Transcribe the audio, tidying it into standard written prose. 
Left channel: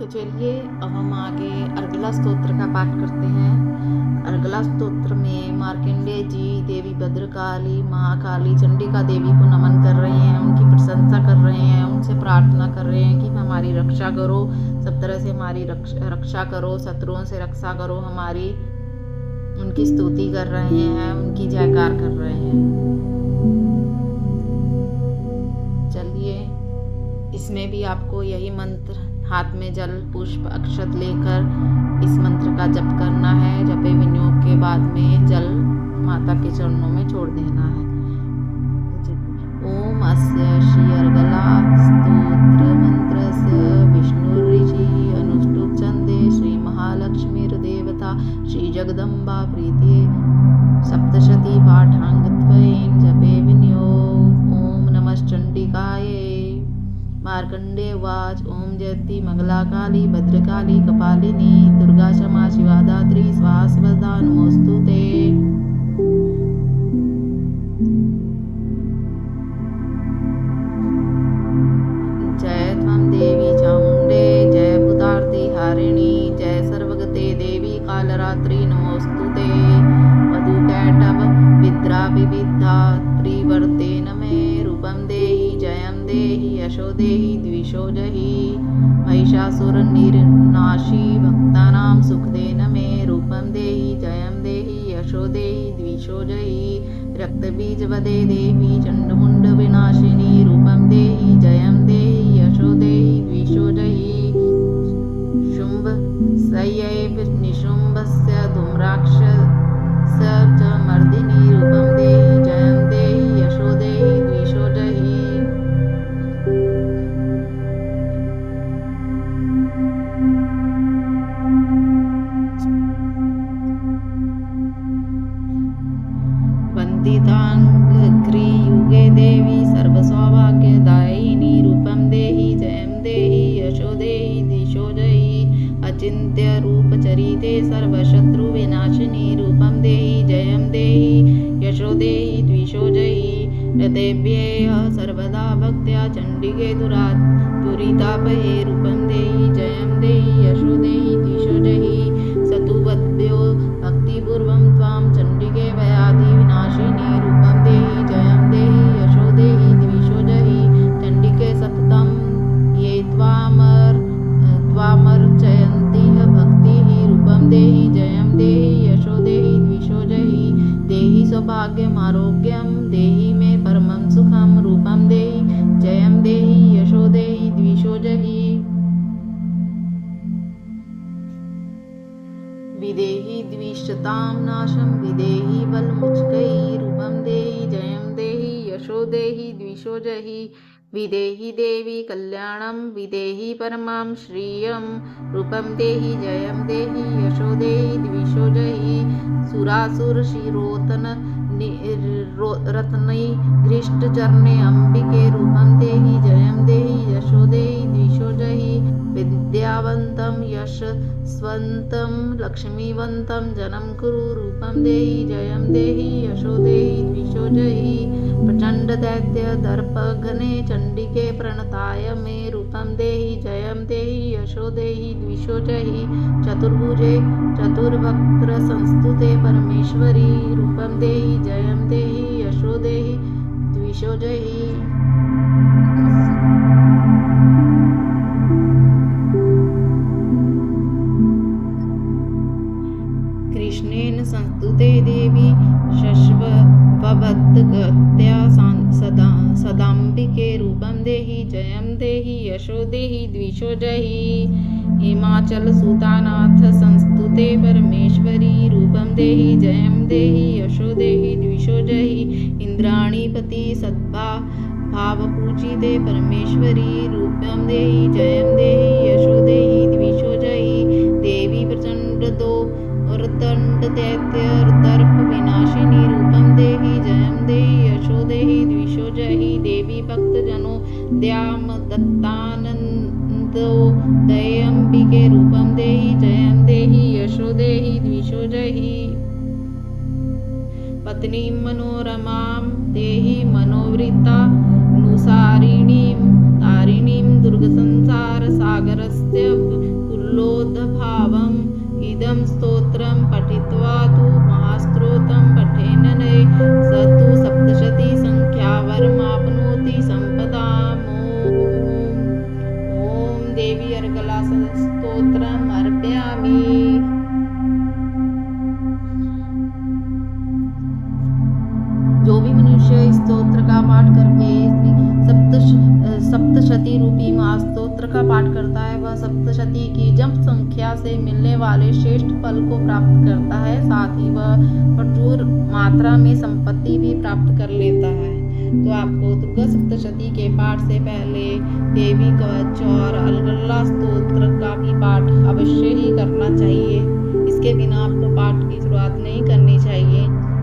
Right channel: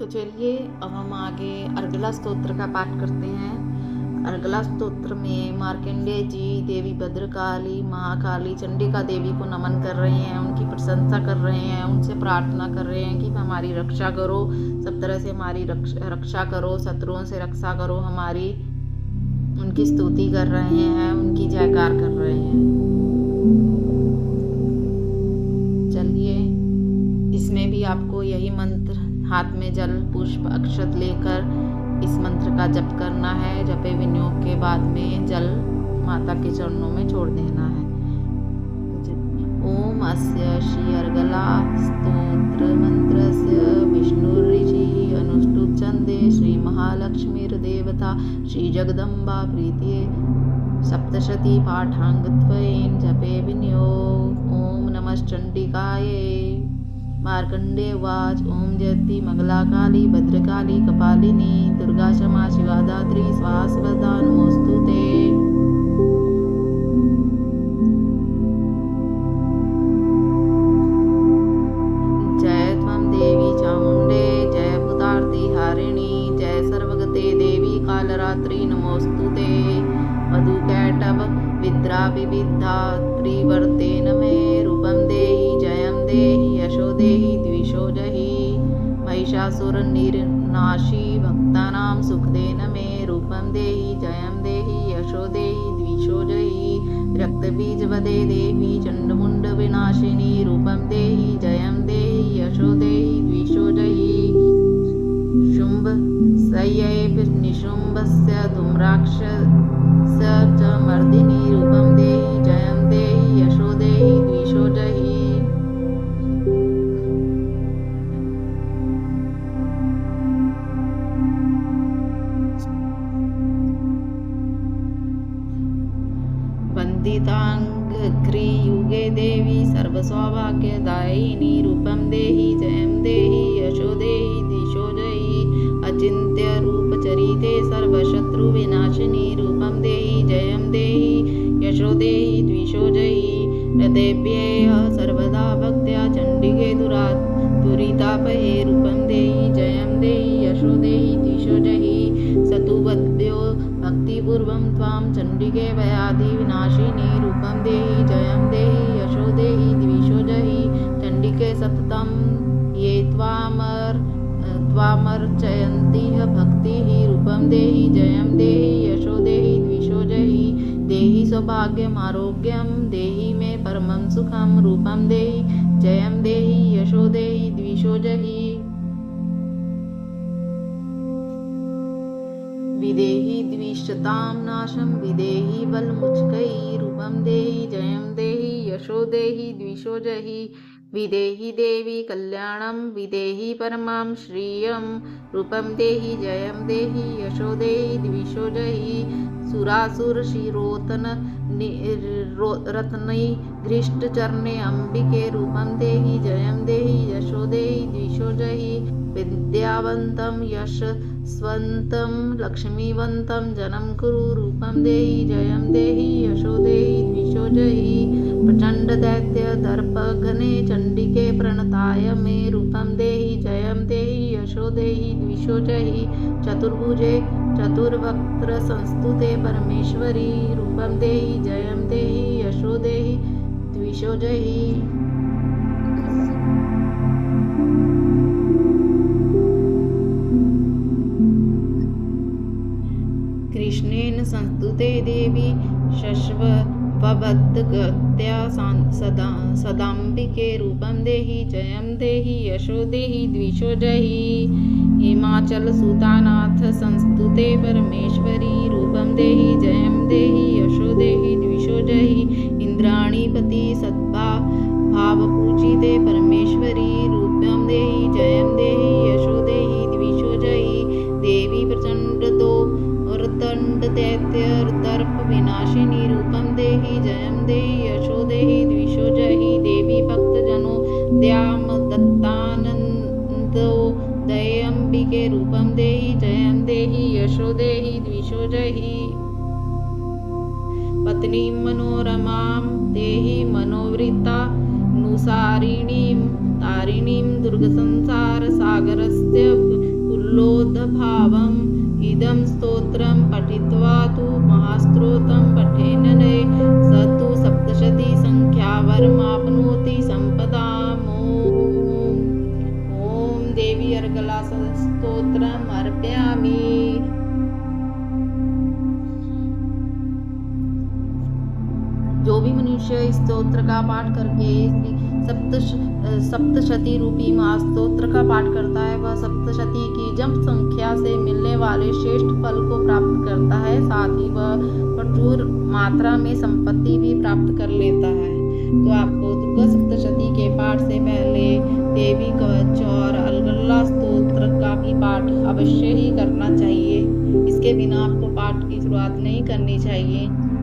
तो चलिए अब हम आगे अर्गला स्तोत्र का पाठ करते हैं। अर्गला स्तोत्र में मार्कंडेय जी देवी भद्रकाली, महाकाली, चंडिका देवी को नमन कर रहे हैं, उनकी प्रशंसा कर रहे हैं, उनसे प्रार्थना कर रहे हैं कि हमारी रक्षा करो, सब तरह से हमारी रक्षा करो, शत्रुओं से रक्षा करो हमारी। उनकी स्तुति कर रहे हैं, उनकी जयकार कर रहे हैं। चलिए इसमें भी आपको यही मंत्र हाथ में जल पुष्प अक्षत लेकर इस मंत्र का जप करना है। जपे विनियोग के बाद में जल माता के चरणों में छोड़ देना है। ओम अस्य श्री अर्गला स्तोत्र मंत्रस्य विष्णुऋषि अनुष्टुप छंदे श्री महालक्ष्मीर्देवता श्री जगदम्बा प्रीतिये सप्तशती पाठांगत्वेन जपे विनियोग। ओम नमः चंडिकाये। मार्कंडेय उवाच ओम जयति मंगला काली भद्रकाली कपालिनी दुर्गा क्षमा शिवा दात्री स्वाहा स्वदा नमोस्तुते। जय त्वं देवी चामुंडे जय भूतार्ति हारिणी जय सर्वगते देवी कालरात्रि नमोस्तुते। वधूकैटभ विद्रा विविधा त्रिवर्तेन मे रूपं देहि जयं देहि यशो देहि द्विषो जहि। महिषासुर निर्नाशी भक्तानां सुखदेन मे रूपं देहि जयं देहि यशो देहि द्विषो जहि। रक्तबीजवदे देवी चंडमुंड विनाशिनी रूपं देहि जयं देहि यशो देहि द्विषो जहि। शुंभ सयैव निशुंभस्य धूम्राक्षस्य च मर्दिनी रूपं देहि जयं देहि यशो देहि द्विषो जहि। वन्दिताङ्घ्रियुगे देवी सर्वसौभाग्यदायिनी रूपं देहि जयं देहि यशो देहि दिशो जहि। अचिन्त्य रूपचरिते सर्वशत्रुविनाशिनी रूपं देहि जयं देहि यशो देहि द्विषो जहि। हृदयेभ्यः सर्वदा भक्त्या चण्डिके दुरितापहे रूपं देहि जयं देहि यशो देहि दिशो जहि। सतुवद्भ्यो भक्तिपूर्वं त्वां चण्डिके व्याधि विनाशिनी रूपं देहि जयं देहि यशो देहि द्विषो जहि। चण्डिके सततं ये त्वामर्चयन्तिः भक्तिः रूपं देहि जयं देहि यशो देहि द्विषो जहि। देहि सौभाग्यम् आरोग्यं देहि मे परमं सुखं रूपं देहि जयं देहि यशो देहि द्विषो जहि। विदेहि द्विषतां नाशं विदेहि बलमुच्चकै रूपं देहि जयं देहि यशो देहि द्विषो जहि। विदेहि देवी कल्याणं विदेहि परमां श्रियं रूपं देहि जयं देहि यशो देहि द्विषो जहि। सुरासुर शिरोतन रत्नै घृष्टचरणे अंबिके रूपं देहि जयं देहि यशो देहि द्विषो जहि। विद्यावन्तं यशस्वन्तं लक्ष्मीवन्तं जनं कुरु रूपं देहि जयं देहि यशो देहि द्विषो जहि। प्रचंड दैत्य दर्पघ्ने चंडिके प्रणताय मे रूपं देहि जयं देहि यशो देहि द्विषो जहि। चतुर्भुजे चतुर्वक्त्र संस्तुते परमेश्वरी रूपं देहि जयं देहि यशो देहि द्विषो जहि। कृष्णेन संस्तुते देवी शश्वभद्गत्या सदाम्बिके रूपं देहि जयं देहि यशो देहि द्विषो जहि। हिमाचल सुतानाथ संस्तुते परमेश्वरी रूपं देहि जयं देहि यशो देहि द्विषो जहि। इंद्राणीपति भावपूजिते परमेश्वरी रूपं देहि जयं देहि यशो देहि द्विषो जहि। देवी प्रचंड दंड दैत्य दर्प विनाशिनी रूपं देहि जयं देहि यशो देहि द्विषो जहि। देवी भक्तजनों द्याम दत्तानंदो दयंबिके रूपं देहि जयं देहि यशो देहि द्विषो जहि। पत्नीं मनोरमां देहि मनोवृत्ता नुसारिणीं तारिणीं दुर्गसंसार सागरस्य उल्लोदभावम् इदं स्तोत्रं पठित्वा तु महास्त्रोतं पठेन नये स तु सप्तशती संख्या वरमाप्नोति सम्पदाम्। ॐ देवी अर्गला स्तोत्रम् अर्पयामि। जो भी मनुष्य इस स्तोत्र का पाठ करके सप्तशती रूपी महास्तोत्र का पाठ करता है वह सप्तशती की जप संख्या से मिलने वाले श्रेष्ठ फल को प्राप्त करता है, साथ ही वह प्रचुर मात्रा में संपत्ति भी प्राप्त कर लेता है। तो आपको दुर्गा सप्तशती के पाठ से पहले देवी कवच और अर्गला स्तोत्र का भी पाठ अवश्य ही करना चाहिए। इसके बिना आपको पाठ की शुरुआत नहीं करनी चाहिए।